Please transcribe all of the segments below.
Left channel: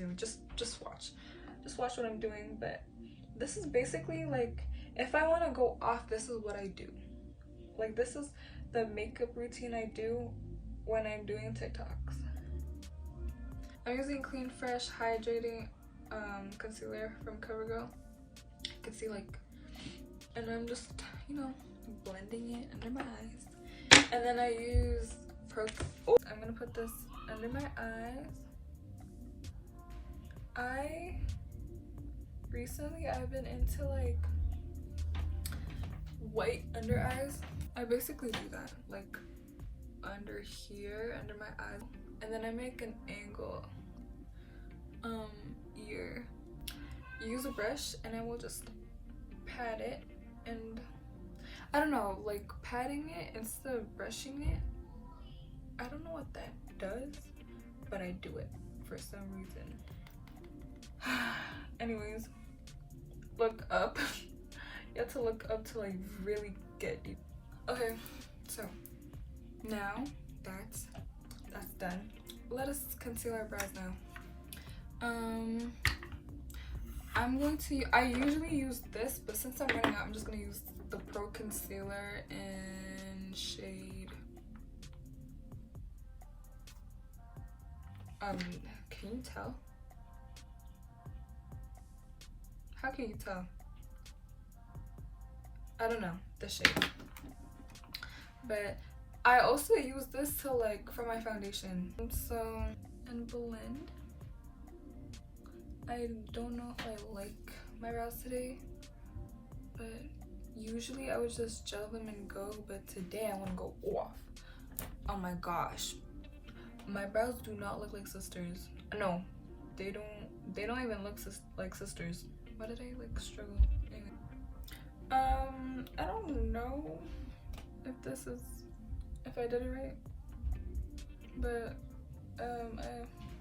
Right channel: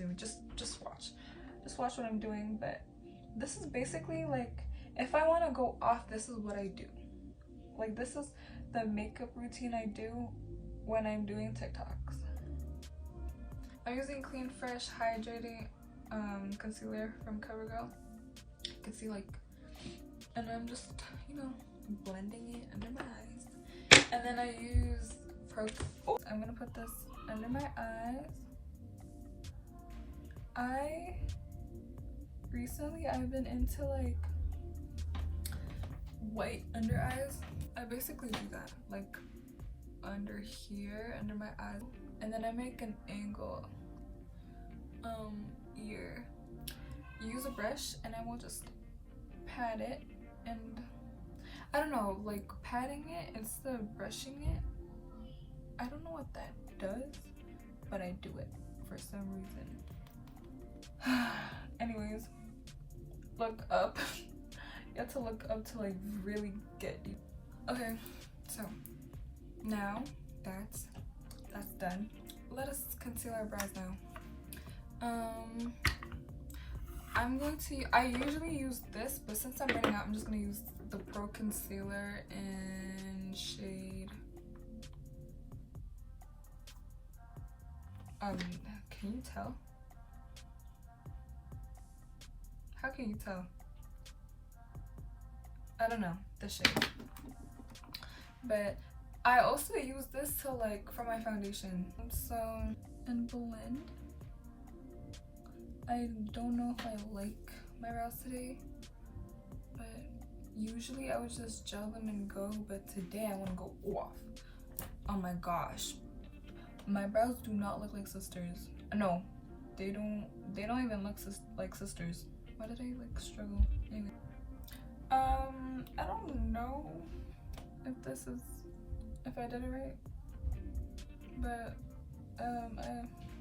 to do. Just watch what I'm doing. But this is basically like, if I want to go off, this is what I do. Like, this is the makeup routine I do when I'm doing TikToks. I'm using Clean Fresh Hydrating concealer from CoverGirl. You can see, like, and I'm just, you know, blending it under my eyes. And then I use I'm gonna put this under my eyes. I've been into like white under eyes. I basically do that, like under here, under my eye, and then I make an angle ear. Use a brush and I will just pat it, and I don't know, like patting it instead of brushing it. I don't know what that does, but I do it for some reason. Anyways, look up. You have to look up to like really get deep. Okay, so now that's done. Let us conceal our brows now. I usually use this, but since I'm running out, I'm just gonna use the Pro Concealer in shade can you tell? How can you tell? I don't know the shade. But I also use this to like for my foundation. So, and blend. I don't know if I like my brows today, but usually I would just gel them and go, but today I want to go off. Oh my gosh, my brows do not look like sisters. No, they don't even look like sisters. Why did I like struggle? Anyway, I don't know if I did it right, but I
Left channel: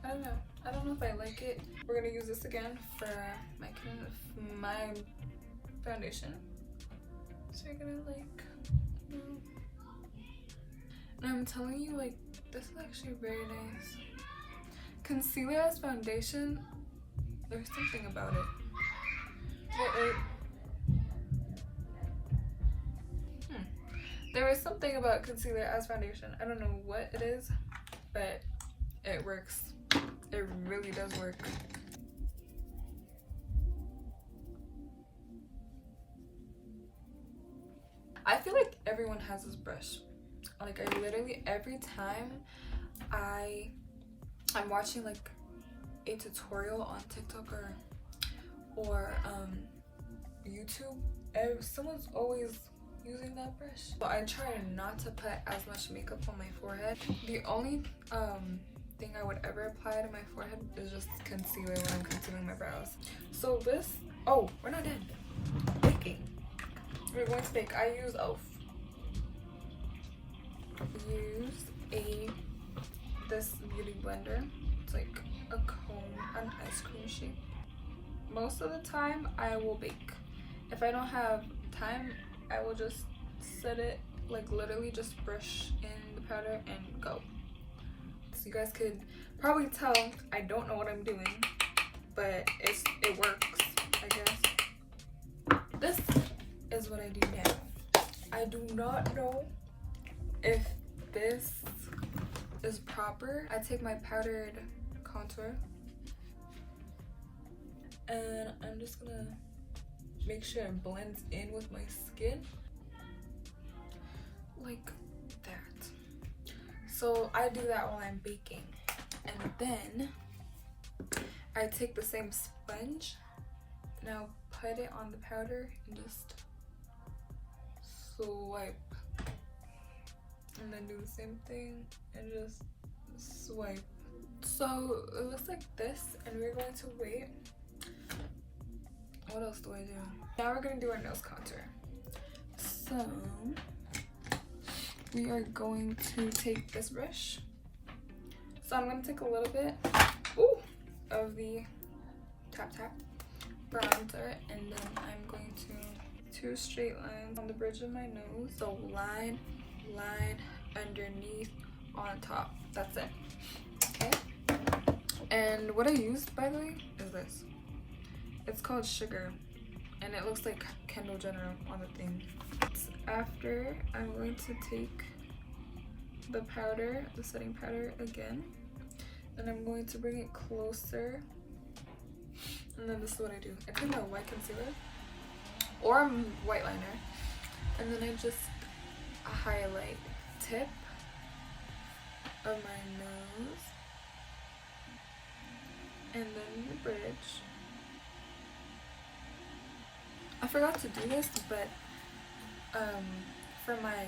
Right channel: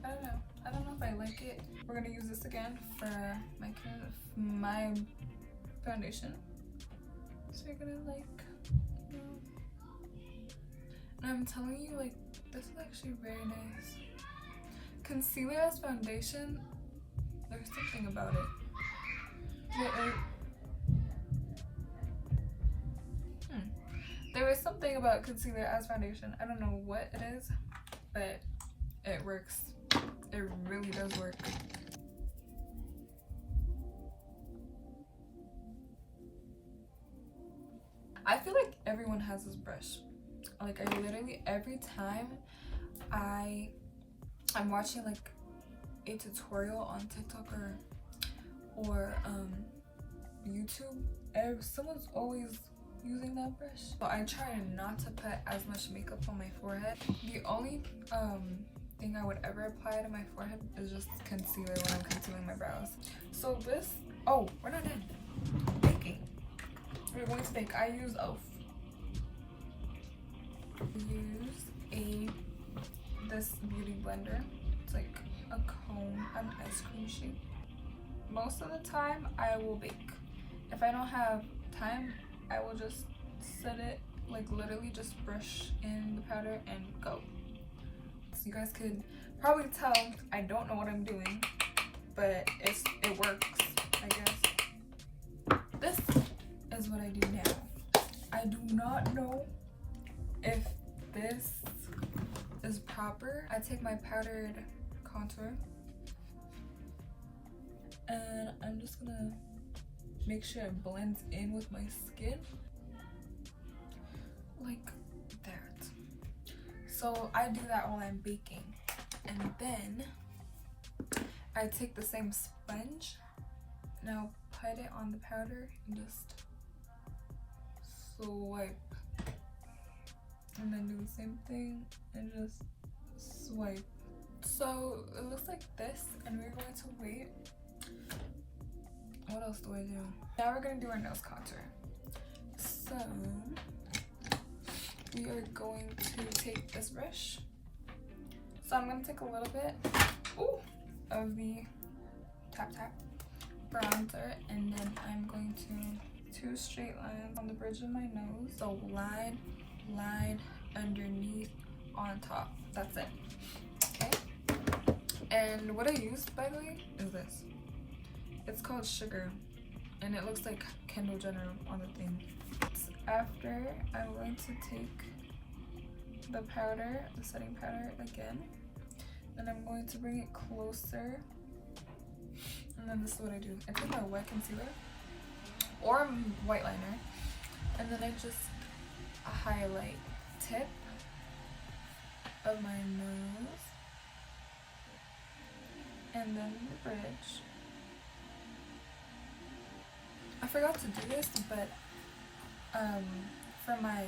don't know. I don't know if I like it. We're gonna use this again for my foundation. So you're gonna like, you know. And I'm telling you, like, this is actually very nice. Concealer as foundation, there's something about it. There is something about concealer as foundation. I don't know what it is, but it works. It really does work. I feel like everyone has this brush. Like, I literally, every time I'm watching like a tutorial on TikTok or YouTube, someone's always using that brush. But I try not to put as much makeup on my forehead. The only thing I would ever apply to my forehead is just concealer when I'm concealing my brows. So this, oh, we're not done baking. We're going to bake. I use this beauty blender. It's like a cone, an ice cream shape. Most of the time I will bake. If I don't have time, I will just set it, like literally just brush in the powder and go. So you guys could probably tell I don't know what I'm doing, but it works, I guess. This is what I do now. I do not know if this is proper. I take my powdered contour and I'm just gonna make sure it blends in with my skin like that. So I do that while I'm baking, and then I take the same sponge and I'll put it on the powder and just swipe, and then do the same thing and just swipe. So it looks like this, and we're going to wait. What else do I do? Now we're gonna do our nose contour. So we are going to take this brush. So I'm gonna take a little bit of the Tap Tap bronzer, and then I'm going to 2 straight lines on the bridge of my nose. So line, underneath, on top. That's it. Okay. And what I used, by the way, is this. It's called Sugar, and it looks like Kendall Jenner on the thing. After, I'm going to take the powder, the setting powder again, and I'm going to bring it closer. And then this is what I do. I take my white concealer or white liner, and then I just highlight tip of my nose and then the bridge. I forgot to do this, but for my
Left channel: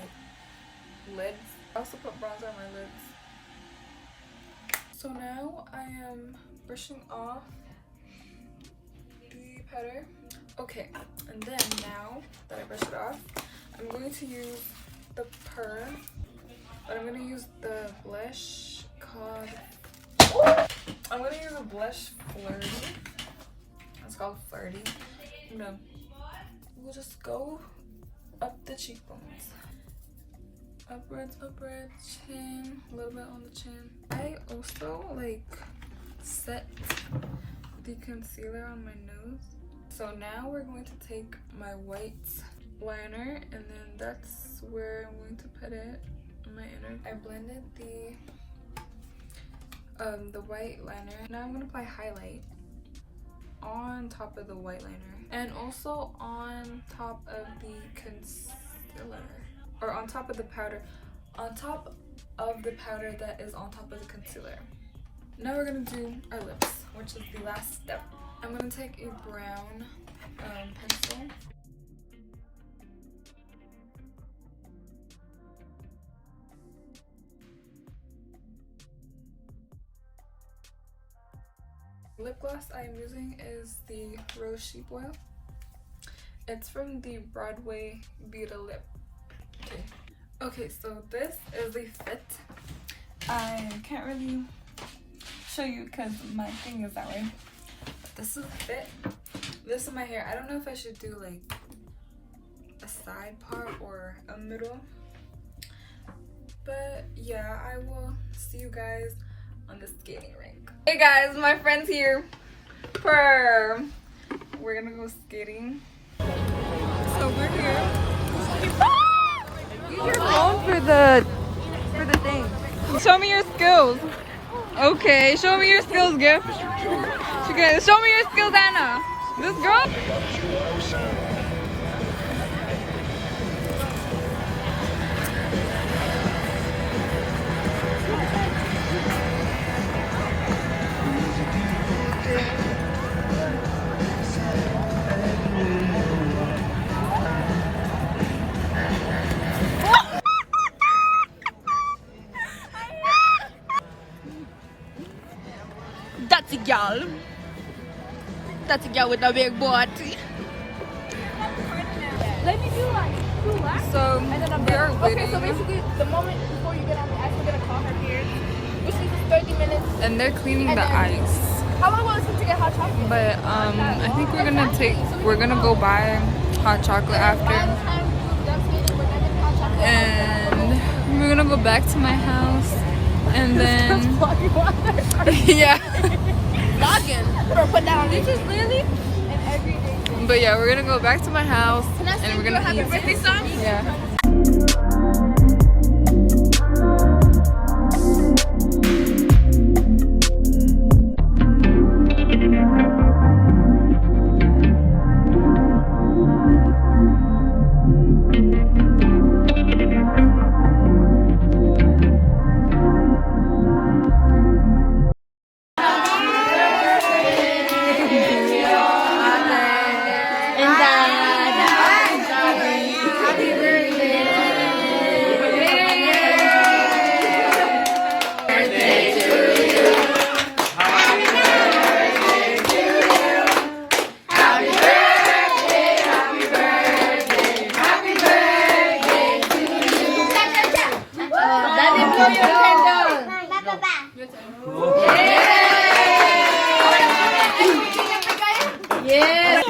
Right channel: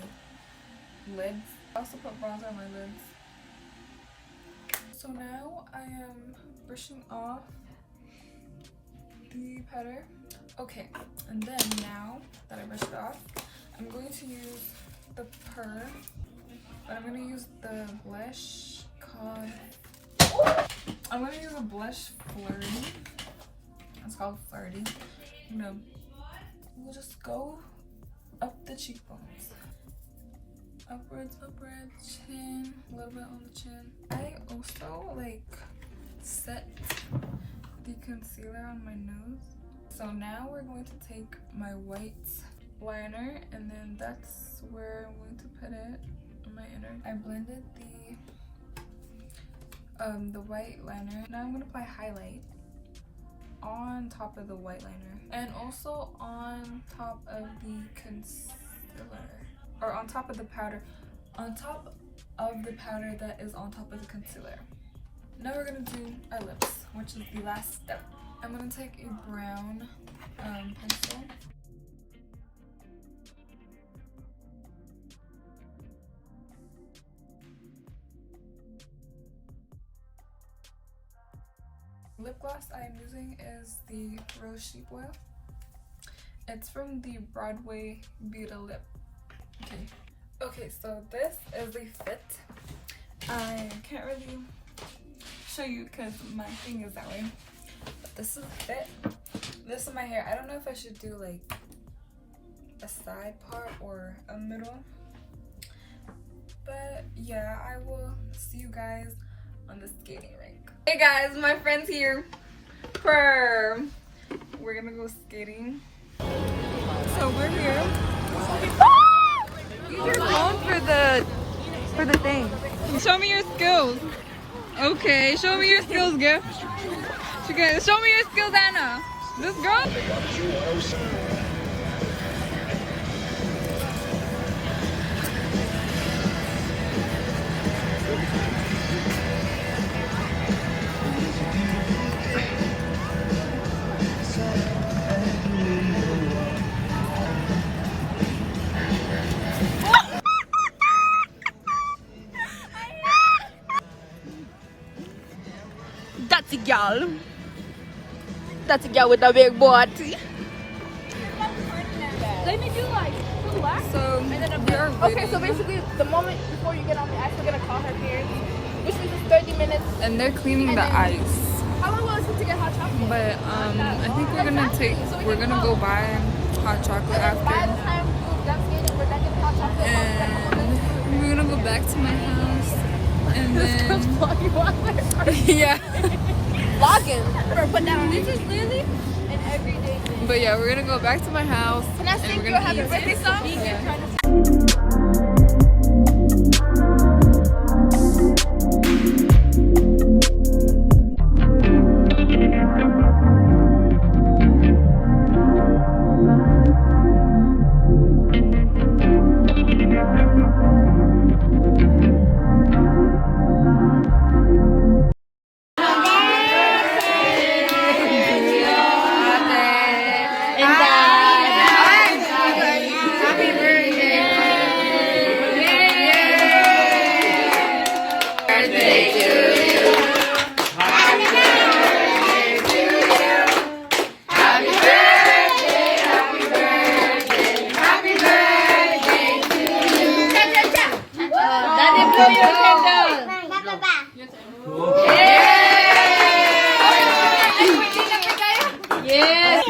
lids, I also put bronzer on my lids. So now I am brushing off the powder. Okay, and then now that I brushed it off, I'm going to use the but I'm going to use the blush called, I'm going to use a blush Flirty. It's called Flirty. We'll just go up the cheekbones. Upwards, chin, a little bit on the chin. I also like set the concealer on my nose. So now we're going to take my white liner, and then that's where I'm going to put it on my inner. I blended the white liner. Now I'm going to apply highlight on top of the white liner, and also on top of the concealer, or on top of the powder, on top of the powder that is on top of the concealer. Now we're gonna do our lips, which is the last step. I'm gonna take a brown pencil. Lip gloss I am using is the Rose Sheep Oil. It's from the Broadway Beauty Lip. Okay, so this is a fit. I can't really show you because my thing is that way. But this is a fit. This is my hair. I don't know if I should do like a side part or a middle. But yeah, I will see you guys on the skating rink. Hey guys, my friend's here. We're gonna go skating. So we're here. You're going for the thing. Show me your skills. Okay, show me your skills, Gift. Show me your skills, Anna. This girl. That's a gal. That's a gal with a big body. So we are waiting. Okay, so basically, the moment before you get on, actually get a car from here, this is 30 minutes. And they're cleaning the ice. How long was it to get hot chocolate? But I think we're gonna go buy hot chocolate By the after. time we're done skating, we're done getting hot chocolate. And we're gonna go back to my house. And then yeah. Vlogging. Or put down. This is really an everyday. But yeah, we're gonna go back to my house and we're gonna eat. Yeah. Yes.